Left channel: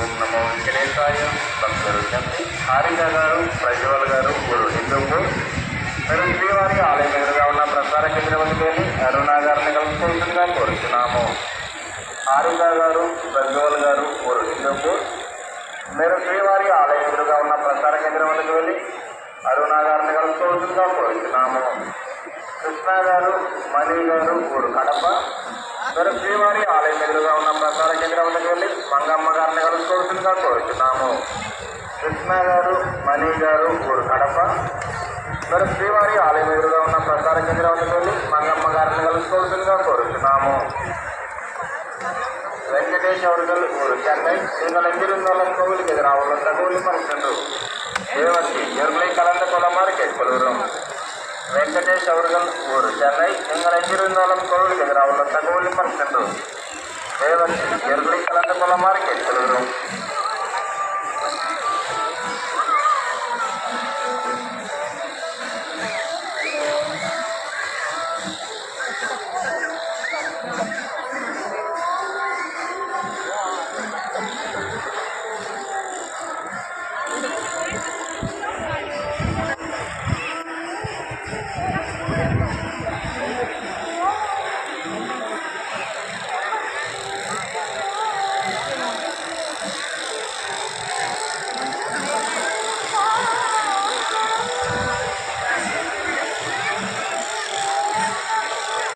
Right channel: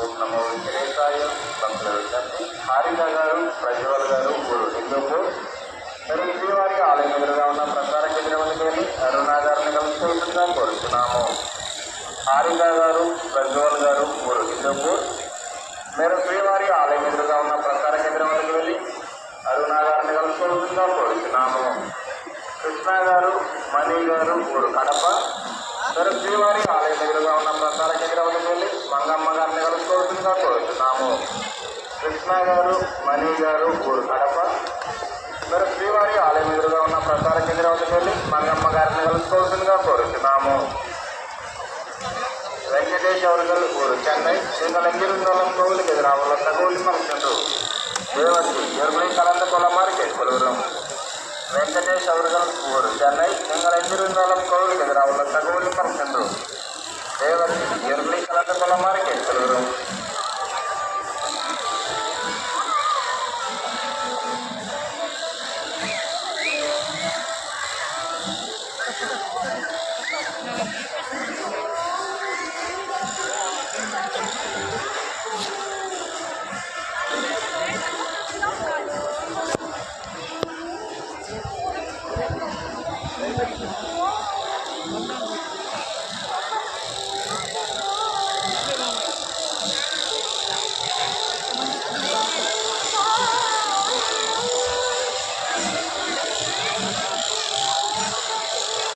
ఓం నమో వెంకటేశాయ. భక్తుల విజ్ఞప్తి, హారిక గారు, ప్రజ్వల్ గారు, ఊరు హిందూపూర్ మీరు శ్రీవారి ఆలయం ఎదురుగా ఉన్న ప్రసార కేంద్రంలోకి అరుణా గారిని కలిసేందుగా కోరుతున్నాము. హారిక గారు, ప్రజ్వల్ గారు, ఊరు హిందూపూర్ మీరు శ్రీవారి ఆలయం ఎదురుగా ఉన్న ప్రసార కేంద్రంలోకి వెళ్ళి అరుణా గారిని కలుసుకోవచ్చుగా కోరుతున్నాము. కృష్ణ గారు, మణి గారు, ఊరు కడప మీరు శ్రీవారి ఆలయం ఎదురుగా ఉన్న ప్రసార కేంద్రంలోకి వెళ్ళి మంగమ్మ గారిని కలుసుకోవచ్చుగా కోరుతున్నాము. కృష్ణ గారు, మణి గారు, ఊరు కడప మీరు శ్రీవారి ఆలయం ఎదురుగా ఉన్న ప్రసార కేంద్రంలోకి వెళ్ళి మంగమ్మ గారిని కలుసుకోవచ్చుగా కోరుతున్నాము. వెంకటేష్ అవர்கள் ఊరు చెన్నై நீங்கள் எங்கிருந்தாலும் கோவிலுக்கு எதிராக உள்ள தகவல் சென்று தேவத்தி எர்லை கலந்து கொள்ளுமாறு கேட்கிறோம். வெங்கடேஷ் அவர்கள் ஊர் சென்னை நீங்கள் எங்கிருந்தாலும் கோவிலுக்கு எதிராக உள்ள தகவல் சென்று தேவத்தி எர்லை கலந்து கொள்ளுமாறு கேட்கிறோம்.